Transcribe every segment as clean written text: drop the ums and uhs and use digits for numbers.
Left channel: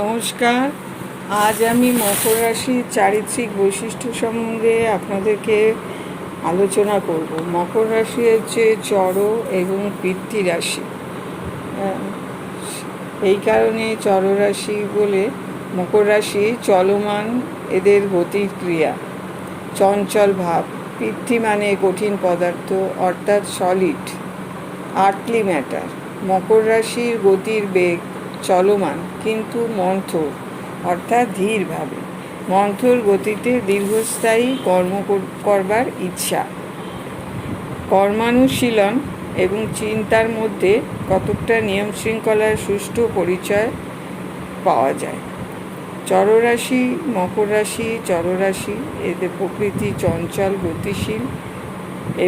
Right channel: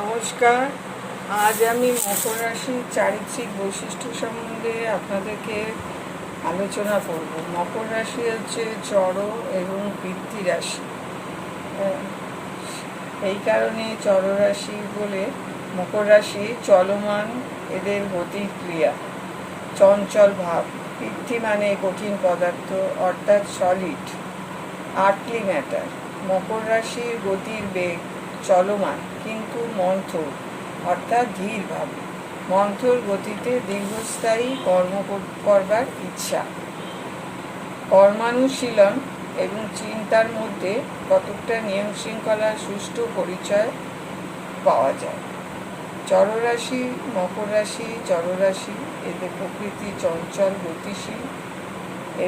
নমস্কার। আজ আমি মকর রাশির চারিত্রিক বৈশিষ্ট্য সম্বন্ধে আপনাদেরকে আলোচনা করব। মকর রাশি হচ্ছে জড় এবং পৃথ্বী রাশি। এই কারণে জড় রাশি বলে। মকর রাশি চলমান, এদের গতির ক্রিয়া, চঞ্চল ভাব। পৃথ্বী মানে কঠিন পদার্থ, অর্থাৎ সলিড, আর্থলি ম্যাটার। মকর রাশির গতির বেগ চলমান কিন্তু মন্থর, অর্থাৎ ধীরভাবে। মন্থর গতিতে দীর্ঘস্থায়ী কর্ম করবার ইচ্ছা। কর্মানুশীলন এবং চিন্তার মধ্যে কতকটা নিয়ম শৃঙ্খলার সুষ্ঠু পরিচয় পাওয়া যায়। জড়রাশি, মকর রাশি, জড়রাশি, এদের প্রকৃতি চঞ্চল, গতিশীল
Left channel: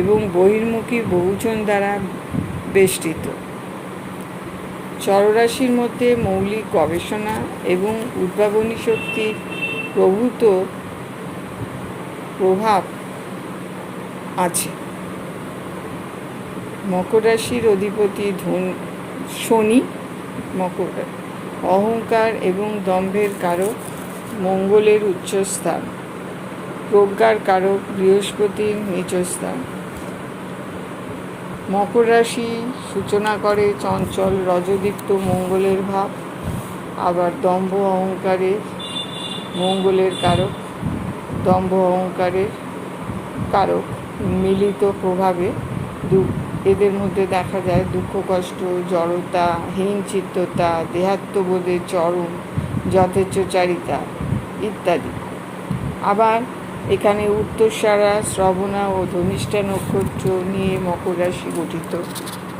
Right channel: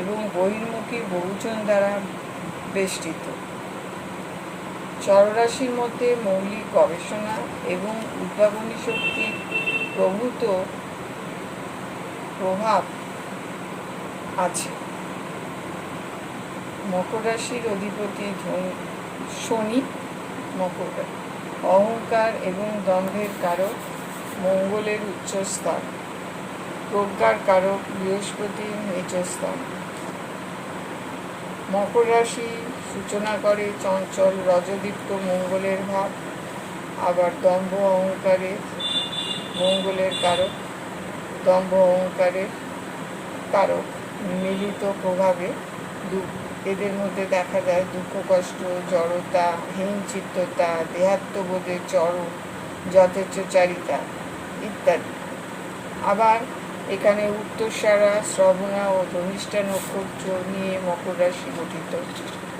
এবং বহির্মুখী বহুজন দ্বারা বেষ্টিত। জড়রাশির মধ্যে মৌলিক গবেষণা এবং উদ্ভাবনী শক্তির প্রভূত প্রভাব আছে। মকর রাশির অধিপতি শনি। মকর অহংকার এবং দম্ভের কারক, মঙ্গলের উচ্চস্থান। প্রজ্ঞার কারক বৃহস্পতির নিচস্থান। মকর রাশি সূচনা করে চঞ্চল রজদীপ্ত মঙ্গলের ভাব, আবার দম্ভ অহংকারের মঙ্গলের কারক, দম্ভ অহংকারের কারক মিলিত প্রভাবে এদের মধ্যে দেখা যায় দুঃখ কষ্ট, জড়তা, হীনচিত্ততা, দেহাত্মবোধের চরম যথেচ্ছাচারিতা ইত্যাদি। আবার এখানে উত্তরসারা, শ্রবণা ও ধনিষ্ঠা নক্ষত্র নিয়ে মকর রাশি গঠিত।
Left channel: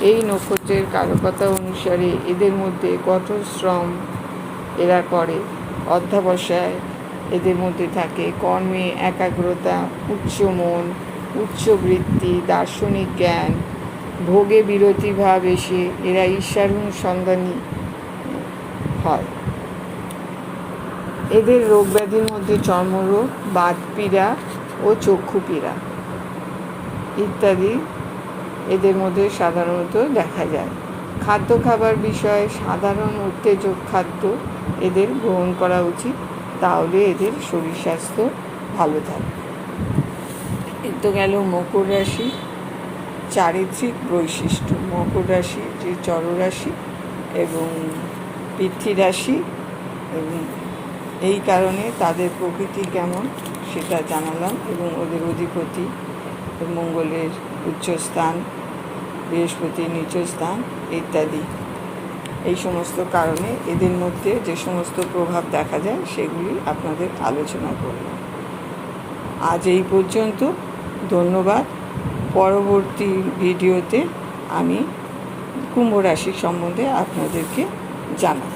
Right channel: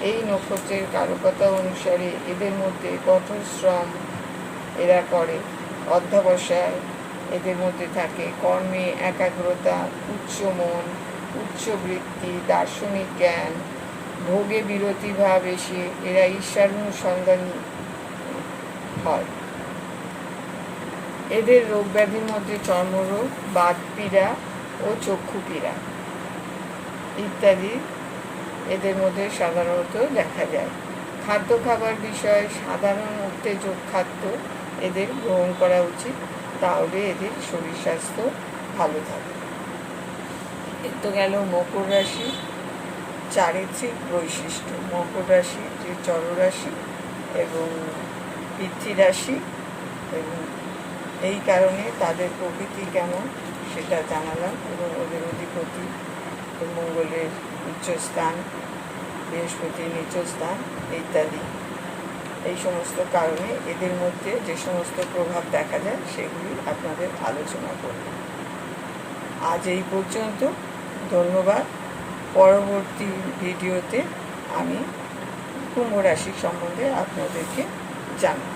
এই নক্ষত্রের কারকতা অনুসারে এদের মধ্যে কঠোর শ্রম এরা করে, অধ্যবসায় এদের মধ্যে থাকে, কর্মে একাগ্রতা, উচ্চ মন, উচ্চ বৃত্তি, দার্শনিক জ্ঞান, ভোগে বিরতি ভাব এসে এরা ঈশ্বরানুসন্ধানী হয়। এদের রোগ ব্যাধির মধ্যে চর্মরোগ, বাতপীড়া ও চক্ষুপীড়া ইত্যাদি এদের মধ্যে সাধারণত দেখা যায়। খাদ্য খাবার বিষয়ে সাধারণ উত্তেজক খাদ্য এদের গ্রহণ করা উচিত, তাহলে এদের শরীর স্বাস্থ্য ভালো থাকে। এ তো গেল মকর রাশি চারিত্রিক বৈশিষ্ট্য। মকর রাশি যে জড়রাশি এবং পৃথ্বী রাশি, এবং এই কারণে তাদের প্রকৃতি কেমন সেটা জানালাম, এবং ওদের অধিপতি মঙ্গলের উচ্চস্থান, বৃহস্পতির নিচস্থান ইত্যাদি। এই সমস্ত কারণে এদের মধ্যে যে সমস্ত প্রভাব দেখা যায় সেগুলি আপনাদের আলোচনা করলাম। আজ এই পর্যন্ত। ধন্যবাদ। পরবর্তী ভিডিওতে আমি কুম্ভ রাশি সম্বন্ধে আপনাদেরকে জানাব।